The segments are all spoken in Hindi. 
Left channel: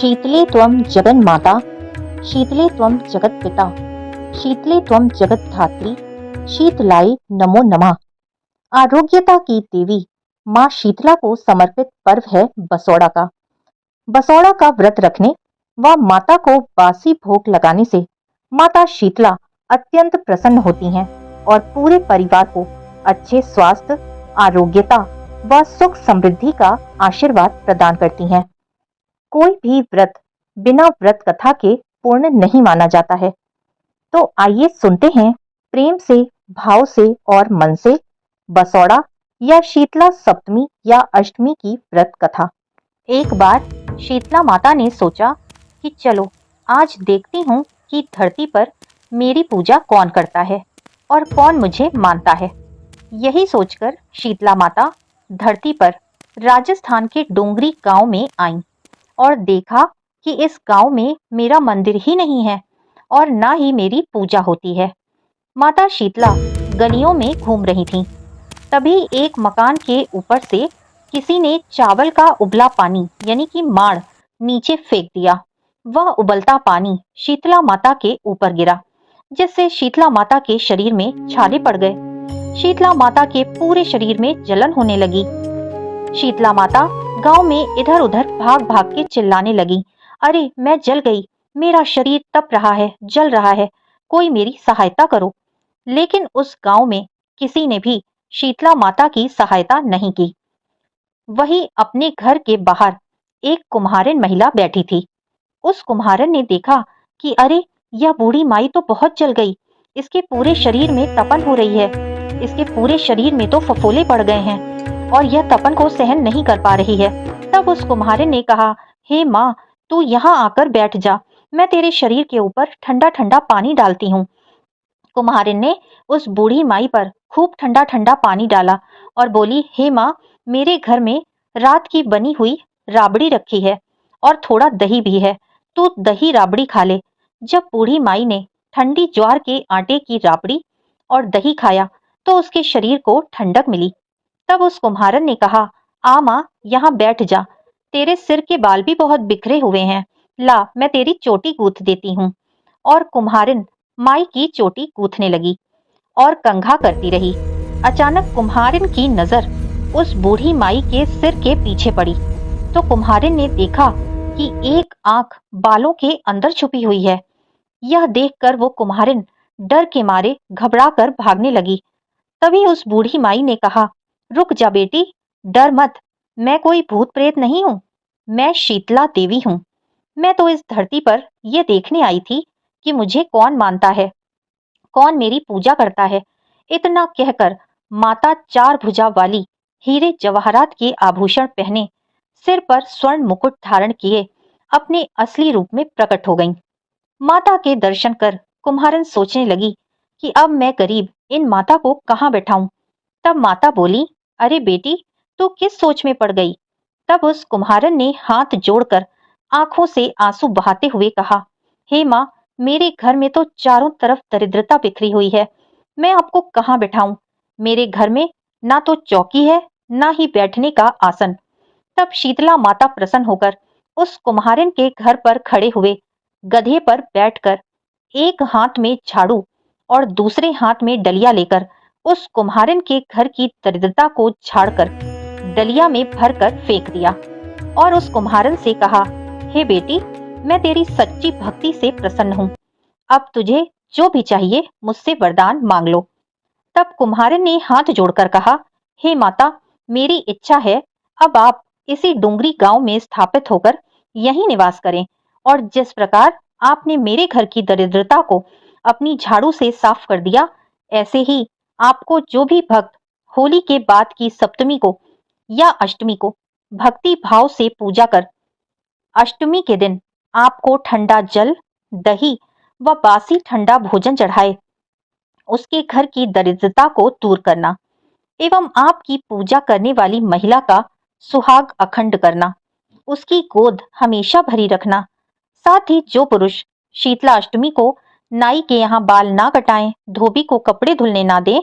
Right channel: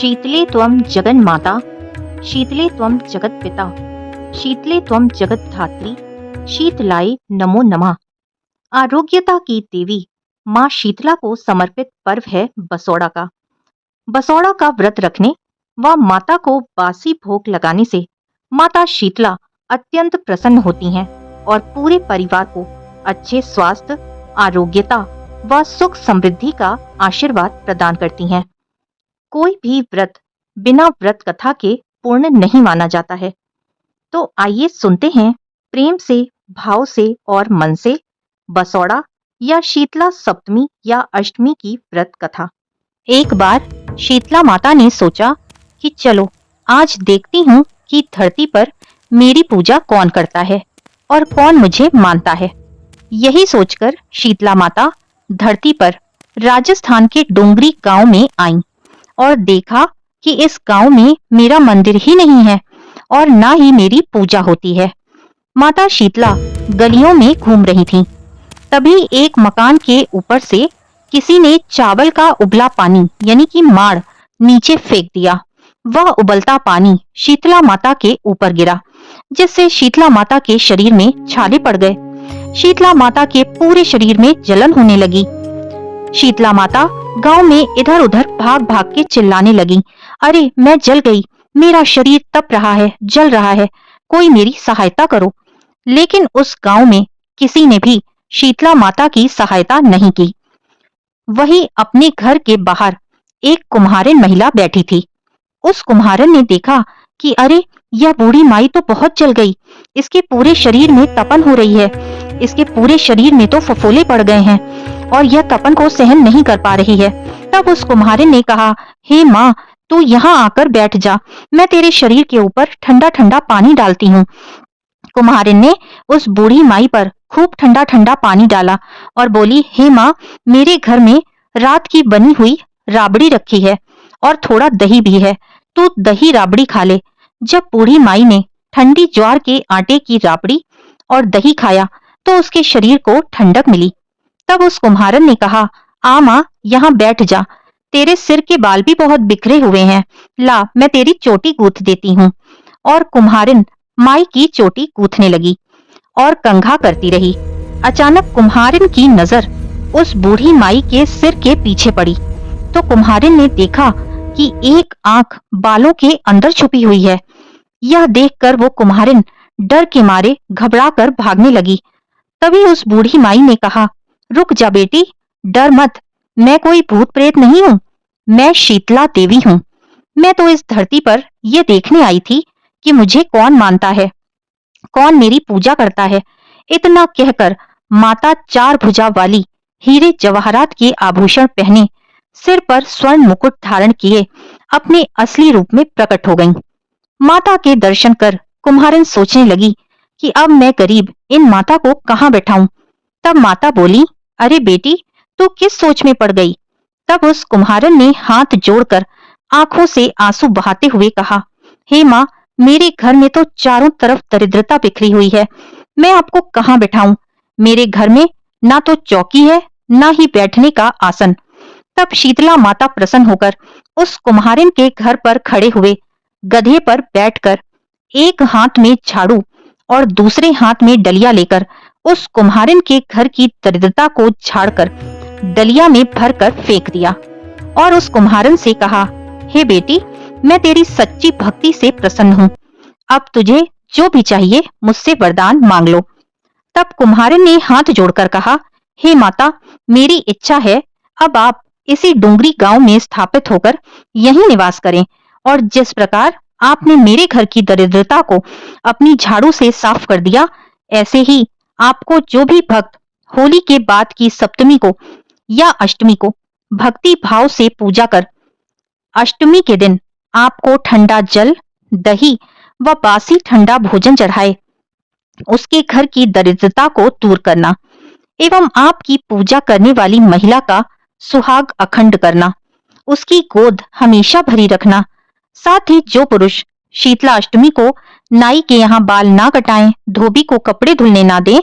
शीतले त्वं जगन्माता, शीतले त्वं जगत्पिता, शीतले त्वं जगद्धात्री, शीतलाय नमो नमः। आरोग्यता की देवी माँ शीतला को समर्पित पर्व है बसौड़ा का। बसौड़ा का व्रत रखने व माता को बासी भोग लगाने से माता शीतला अत्यंत प्रसन्न होती हैं और पूरे परिवार को अच्छे स्वास्थ्य, आरोग्यता व सुख समृद्धि का आशीर्वाद प्रदान करती हैं। कोई भी व्रत बिना व्रत कथा के पूर्ण नहीं माना जाता है। तो आइए सुनते हैं प्रेम से, भाव से और मन से बसौड़ा या शीतला सप्तमी या अष्टमी की व्रत कथा। एक बार शीतला माता ने सोचा कि चलो आज देखती हूँ कि धरती पर मेरी पूजा कौन करता है और कौन मुझे मानता है। यही सोचकर शीतला माता धरती पर राजस्थान के डोंगरी गांव में आईं और देखा कि इस गांव में मेरा मंदिर ही नहीं है और ना ही मेरी पूजा होती है। माता शीतला गलियों में घूम रही थीं। तभी एक मकान के ऊपर से किसी ने चावल का उबला पानी यानी कि माड़ नीचे फेंक दिया। वह उबलता पानी शीतला माता के ऊपर गिरा, जिससे शीतला माता के शरीर में छाले पड़ गए। शीतला माता के पूरे शरीर में जलन होने लगी। शीतला माता गांव में इधर उधर भाग भाग के चिल्लाने लगी, अरे मैं जल गई, मेरा शरीर तप रहा है, जल रहा है, कोई मेरी सहायता करो। लेकिन उस गांव में किसी ने भी शीतला माता की सहायता नहीं की। वही अपने घर के बाहर एक कुम्हारिन महिला बैठी थी। उस कुम्हारिन ने देखा कि अरे यह बूढ़ी माई तो बहुत जल गई, इसके पूरे शरीर में तपन हो रही है, इसके पूरे शरीर में तो फफोले पड़ गए हैं और यह तपन को सहन नहीं कर पा रही है। तब उस कुम्हारिन ने कहा, हे माँ, तू यहाँ आकर बैठ जा, मैं तेरे शरीर के ऊपर ठंडा ठंडा पानी डालती हूँ। कुम्हारिन ने उस बूढ़ी माई पर खूब ठंडा ठंडा पानी डाला और बोली, हे माँ, मेरे घर में रात की बनी हुई राबड़ी रखी है और थोड़ा दही भी है, तू दही राबड़ी खा ले। जब बूढ़ी माई ने ठंडी ज्वार के आटे की राबड़ी और दही खाया तो उसके शरीर को ठंडक मिली। तब उस कुम्हारन ने कहा, आ माँ, यहाँ बैठ जा, तेरे सिर के बाल भी बहुत बिखरे हुए हैं, ला मैं तेरी चोटी गूंथ देती हूँ। और कुम्हारिन माई की चोटी गूंथने लगी और कंघा करती रही। अचानक कुम्हारिन की नजर उस बूढ़ी माई के सिर के पीछे पड़ी तो कुम्हारिन ने देखा कि एक आंख बालों के अंदर छुपी हुई है। यह देखकर वो कुम्हारिन डर के मारे घबरा कर भागने लगी। तभी उस बूढ़ी माई ने कहा, रुक जा बेटी, डर मत, मैं कोई भूत प्रेत नहीं हूँ, मैं शीतला देवी हूँ। मैं तो इस धरती पर यह देखने आई थी कि मुझे कौन मानता है, कौन मेरी पूजा करता है। इतना कहकर माता चार भुजा वाली हीरे जवाहरात के आभूषण पहने, सिर पर स्वर्ण मुकुट धारण किए अपने असली रूप में प्रकट हो गईं। माता के दर्शन कर कुम्हारिन सोचने लगी कि अब मैं गरीब इन माता को कहाँ बैठाऊं। तब माता बोली, अरे बेटी, तू किस सोच में पड़ गई। तब उस कुम्हारिन ने हाथ जोड़कर आंखों से आंसू बहाते हुए कहा, हे माँ, मेरे घर में तो चारों तरफ दरिद्रता बिखरी हुई है, मैं आपको कहाँ बैठाऊं। मेरे घर में ना तो चौकी है, ना ही बैठने का आसन। तब शीतला माता प्रसन्न होकर उस कुम्हारिन के घर पर खड़े हुए गधे पर बैठकर एक हाथ में झाड़ू और दूसरे हाथ में डलिया लेकर उस कुम्हारिन के घर की दरिद्रता को झाड़कर डलिया में भरकर फेंक दिया और उस कुम्हारिन से कहा, हे बेटी, मैं तेरी सच्ची भक्ति से प्रसन्न हूँ, अब तुझे जो भी चाहिए मुझसे वरदान मांग लो। तब कुम्हारिन ने हाथ जोड़कर कहा, हे माता, मेरी इच्छा है अब आप इसी डोंगरी गांव में स्थापित होकर यहीं निवास करें और जिस प्रकार आपने मेरे घर की दरिद्रता को अपनी झाड़ू से साफ कर दिया, ऐसे ही आपको जो भी भक्त होली के बाद की सप्तमी को या अष्टमी को भक्ति भाव से पूजा कर अष्टमी के दिन आपको ठंडा जल, दही व बासी ठंडा भोजन चढ़ाए, उसके घर की दरिद्रता को दूर करना एवं आपकी पूजा करने वाली महिला का सुहाग अखंड करना, उसकी गोद हमेशा भरी रखना। साथ ही जो पुरुष शीतला अष्टमी को नाई के यहाँ बाल ना कटाएं, धोबी को कपड़े धुलने ना दें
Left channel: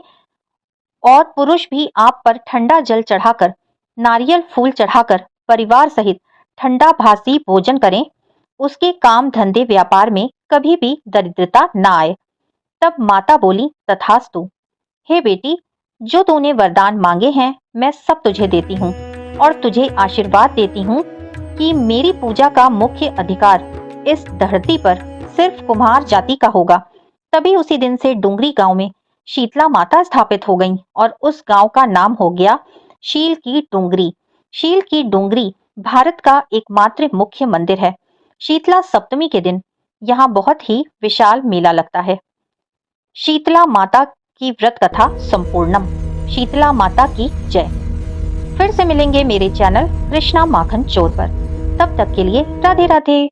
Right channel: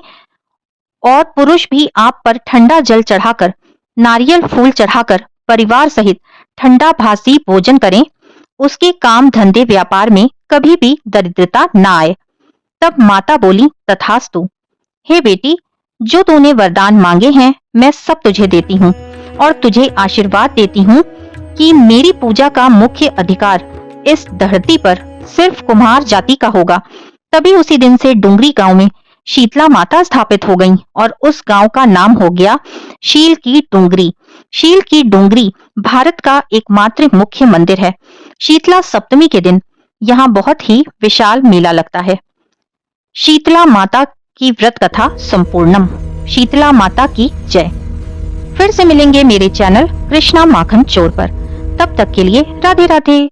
और पुरुष भी आप पर ठंडा जल चढ़ाकर, नारियल फूल चढ़ाकर परिवार सहित ठंडा भासी भोजन करें, उसके काम धंधे व्यापार में कभी भी दरिद्रता न आए। तब माता बोली, तथास्तु। हे बेटी, जो तूने वरदान मांगे हैं मैं सब तुझे देती हूँ और तुझे आशीर्वाद देती हूँ कि मेरी पूजा का मुख्य अधिकार इस धरती पर सिर्फ कुम्हार जाति का होगा। तभी उसी दिन से डुंगरी गांव में शीतला माता स्थापित हो गईं और उस गांव का नाम हो गया शील की डुंगरी। शील की डुंगरी भारत का एकमात्र मुख्य मंदिर है। शीतला सप्तमी के दिन यहाँ बहुत ही विशाल मेला लगता है। शीतला माता की व्रत कथा संपूर्णम। शीतला माता की जय। फिर से मिलेंगे मेरे चैनल कृष्णा माखन चोर पर। तब तक के लिए राधे राधे।